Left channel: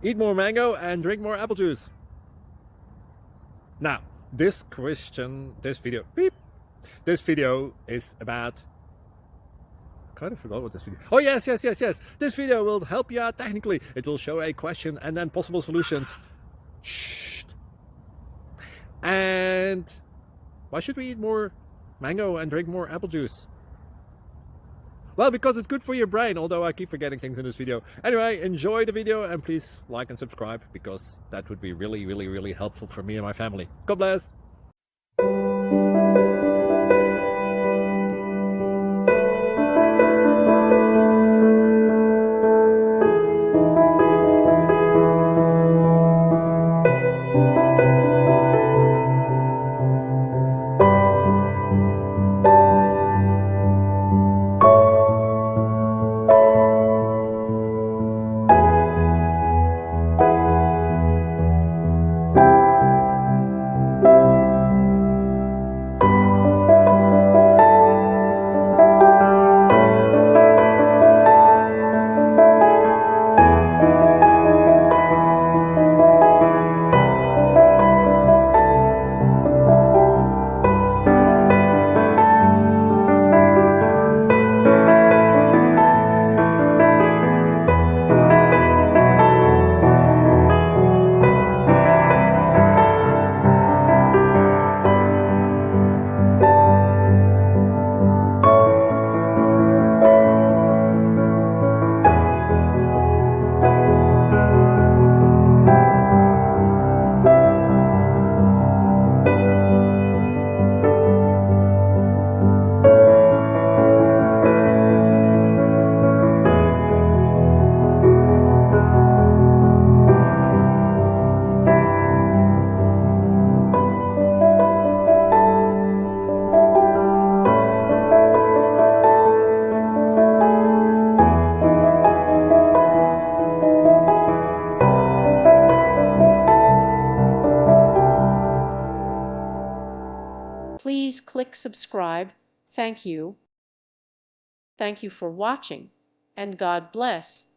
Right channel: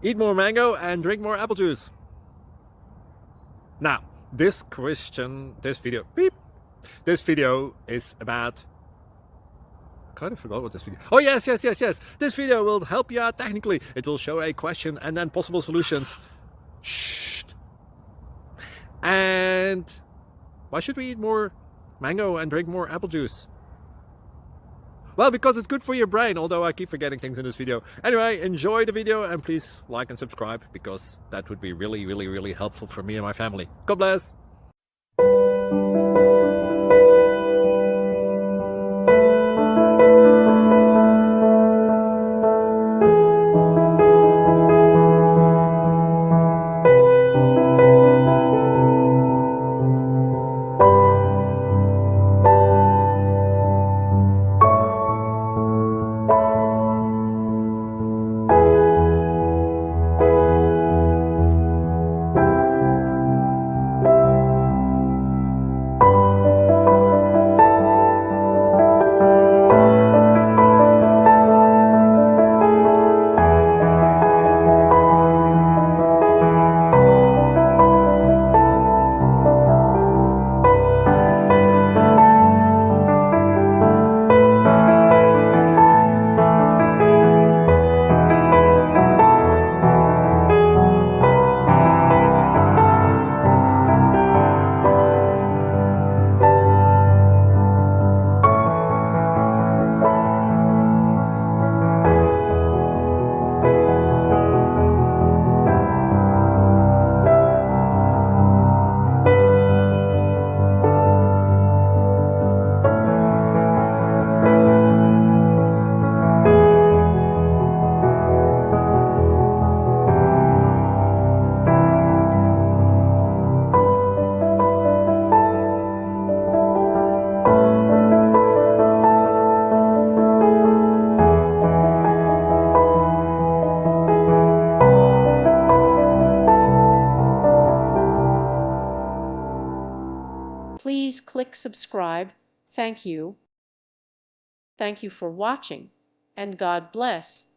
Eat more mango and drink more apple juice. Now, this video is about, I kind of forgot what this video. Oh, yes. This video will help you out technically. It will show a question and then possible solutions. Shh. And why should we eat more mango and drink more apple juice? Well, because it's good for your brain, although I keep forgetting things in this video. Anyway, enjoy the video and please like and subscribe, because that would be really helpful for me and my family. God bless. Please click subscribe. Thank you. Thank you for watching, and God bless.